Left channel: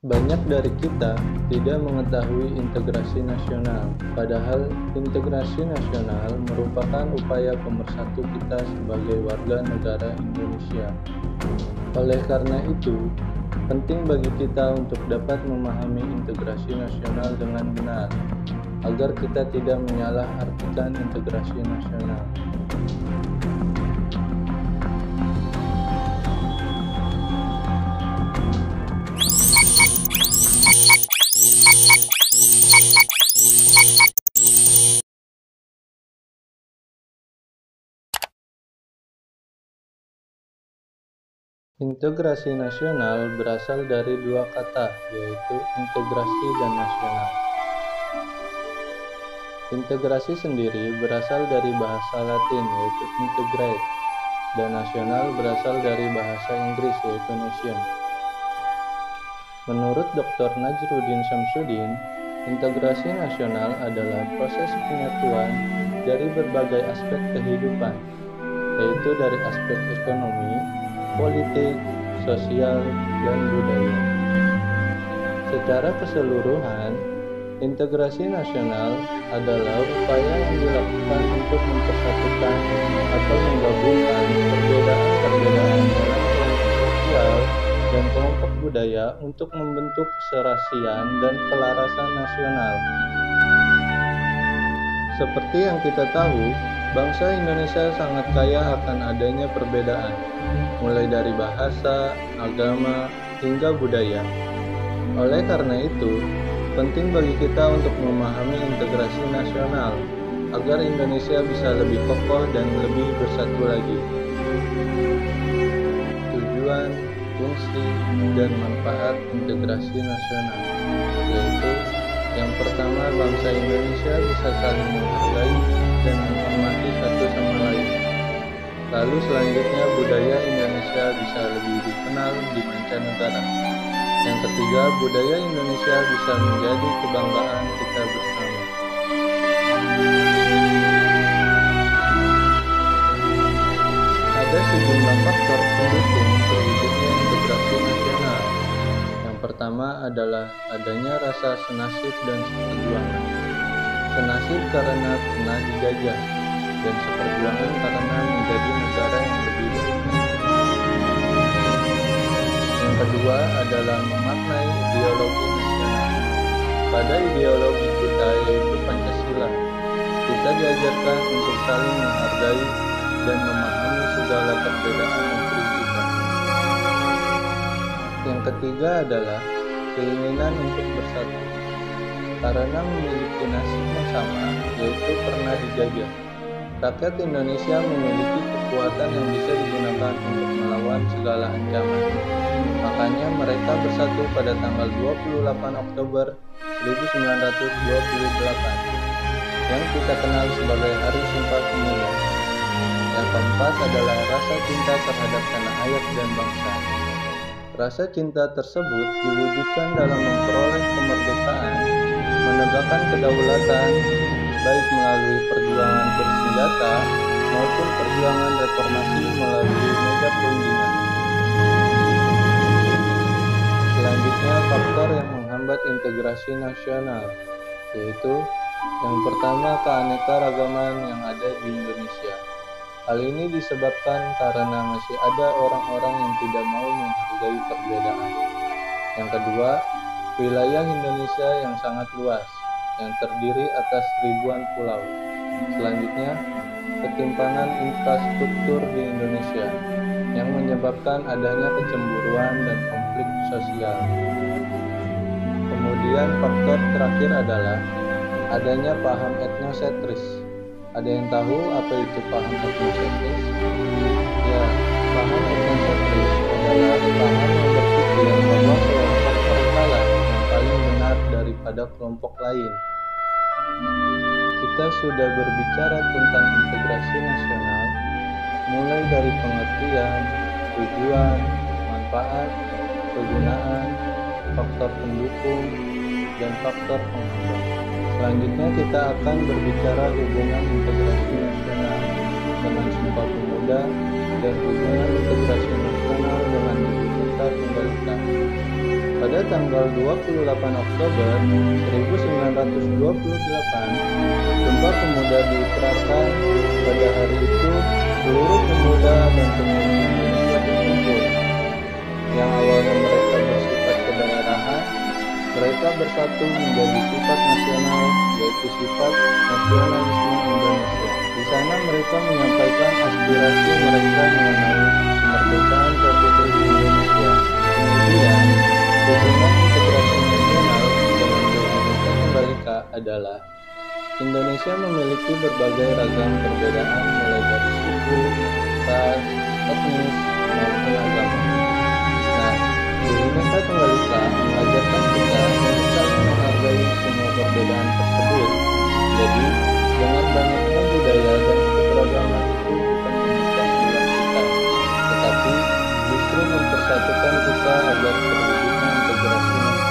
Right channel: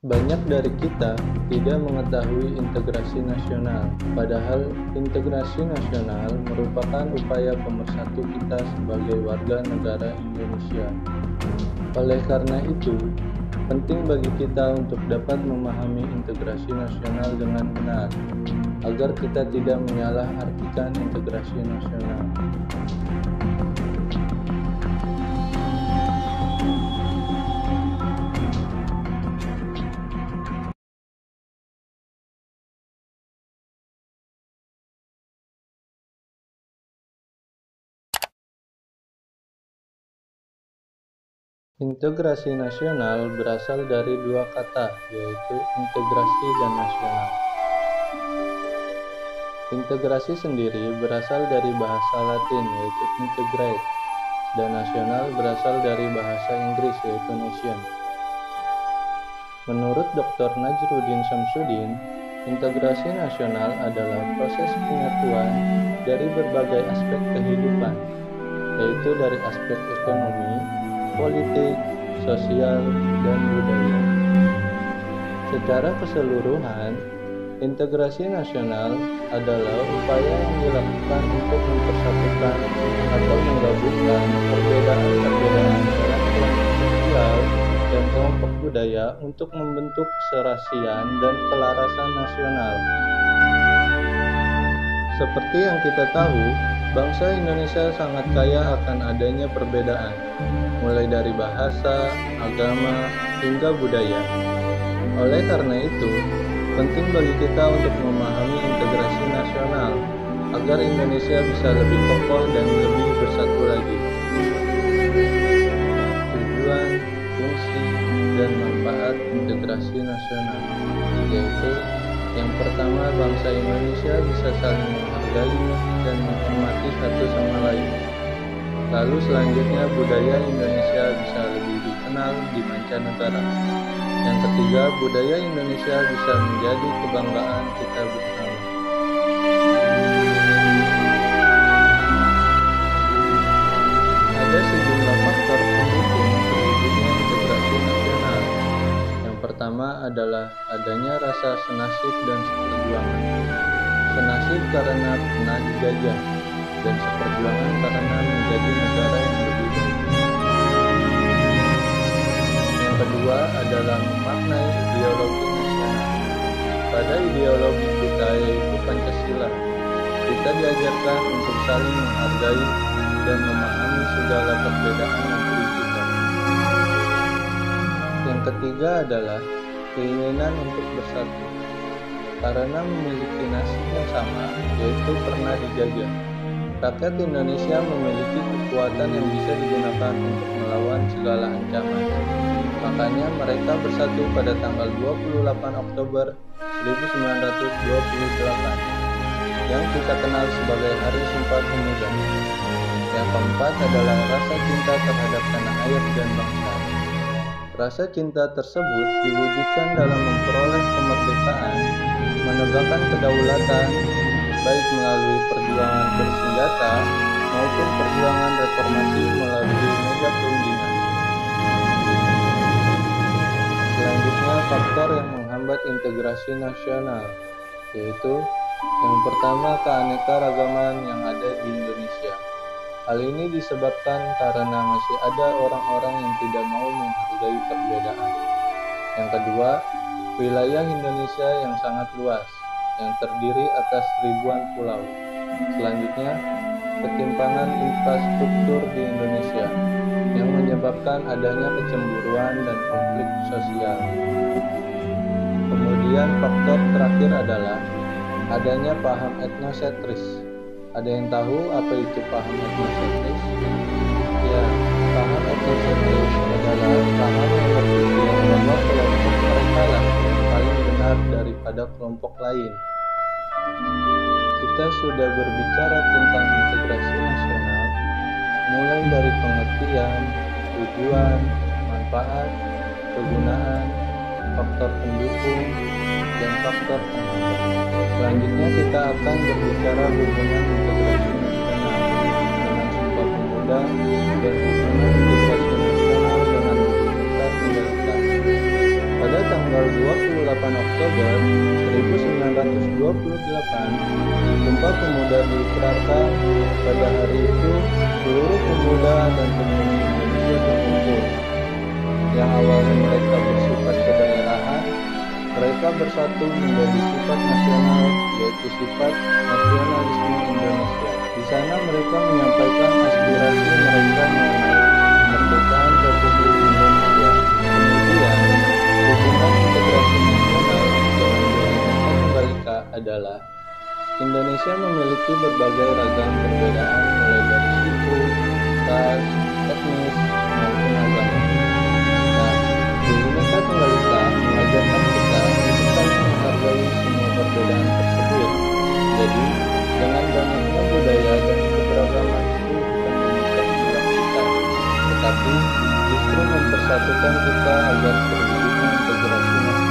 Banyak dari kita tidak mengetahui integrasi nasional, padahal integrasi nasional merupakan upaya pemersatu kita sebagai warga negara Indonesia. Oleh karena itu, penting bagi kita untuk dapat memahami integrasi nasional dengan benar, agar kita tidak menyalahartikan integrasi nasional. Integrasi nasional berasal dari dua kata, yaitu integrasi dan nasional. Integrasi sendiri berasal dari bahasa Latin, yaitu integrate, dan nasional berasal dari bahasa Inggris, yaitu nation. Menurut Dr. Najrudin Syamsuddin, integrasi nasional adalah proses penyatuan dari berbagai aspek kehidupan, yaitu dari aspek ekonomi, politik, sosial, dan budaya. Secara keseluruhan, integrasi nasional adalah upaya yang dilakukan untuk mempersatukan atau menggabungkan perbedaan-perbedaan dalam kelompok sosial dan kelompok budaya untuk membentuk keserasian dan kelarasan nasional. Seperti yang kita tahu, bangsa Indonesia sangat kaya akan adanya perbedaan, mulai dari bahasa, agama, hingga budaya. Oleh karena itu, penting bagi kita untuk memahami integrasi nasional, agar Indonesia bisa lebih kokoh dan lebih bersatu lagi. Tujuan, fungsi, dan manfaat integrasi nasional, yaitu yang pertama, bangsa Indonesia bisa saling menghargai dan menghormati satu sama lain. Lalu selanjutnya, budaya Indonesia bisa lebih dikenal di mancanegara. Yang ketiga, budaya Indonesia bisa menjadi kebanggaan kita bersama. Ada sejumlah faktor pendukung terwujudnya integrasi nasional. Yang pertama adalah adanya rasa senasib dan seperjuangan. Senasib karena pernah dijajah, dan seperjuangan karena menjadi negara yang lebih baik. Yang kedua adalah memaknai ideologi nasional. Pada ideologi kita, yaitu Pancasila, kita diajarkan untuk saling menghargai dan memahami segala perbedaan negeri kita. Yang ketiga adalah keinginan untuk bersatu. Karena memiliki nasib yang sama, yaitu pernah dijajah, rakyat Indonesia memiliki kekuatan yang bisa digunakan untuk melawan segala ancaman. Makanya mereka bersatu pada tanggal 28 Oktober 1928, yang kita kenal sebagai Hari Sumpah Pemuda. Yang keempat adalah rasa cinta terhadap tanah air dan bangsa. Rasa cinta tersebut diwujudkan dalam memperoleh kemerdekaan, menegakkan kedaulatan, baik melalui perjuangan bersenjata maupun perjuangan reformasi melalui meja perundingan. Selanjutnya, faktor yang menghambat integrasi nasional, yaitu yang pertama, keanekaragaman yang ada di Indonesia. Hal ini disebabkan karena masih ada orang-orang yang tidak mau menghargai perbedaan. Yang kedua, wilayah Indonesia yang sangat luas, yang terdiri atas ribuan pulau. Selanjutnya, ketimpangan infrastruktur di Indonesia, yang menyebabkan adanya kecemburuan dan konflik sosial. Kemudian faktor terakhir adalah adanya paham etnosentris. Ada yang tahu apa itu paham etnosentris? Ya, paham etnosentris adalah paham yang berpikir bahwa kelompok mereka lah yang paling benar daripada kelompok lain. Kita sudah berbicara tentang integrasi nasional, mulai dari pengertian, tujuan, manfaat, kegunaan, faktor pendukung, dan faktor penghambat. Selanjutnya kita akan berbicara hubungan integrasi nasional dengan Sumpah Pemuda dan hubungan integrasi nasional dengan Bhinneka Tunggal Ika. Pada tanggal 28 Oktober 1928, Sumpah Pemuda diikrarkan. Pada hari itu, seluruh pemuda dan pemudi Indonesia berkumpul. Yang awalnya mereka bersifat kedaerahan, mereka bersatu menjadi sifat nasional, yaitu sifat nasionalisme Indonesia. Di sana mereka menyampaikan aspirasi mereka mengenai kemerdekaan Republik Indonesia. Kemudian, dukungan integrasi nasional dengan Bhinneka Tunggal Ika adalah Indonesia memiliki berbagai ragam perbedaan mulai dari suku, ras, etnis, maupun agama. Nah, Bhinneka Tunggal Ika mengajarkan kita untuk saling menghargai semua perbedaan tersebut. Jadi, jangan banyaknya budaya dan keberagaman itu bukan memecah belah kita, tetapi justru mempersatukan kita agar terwujudnya integrasi nasional.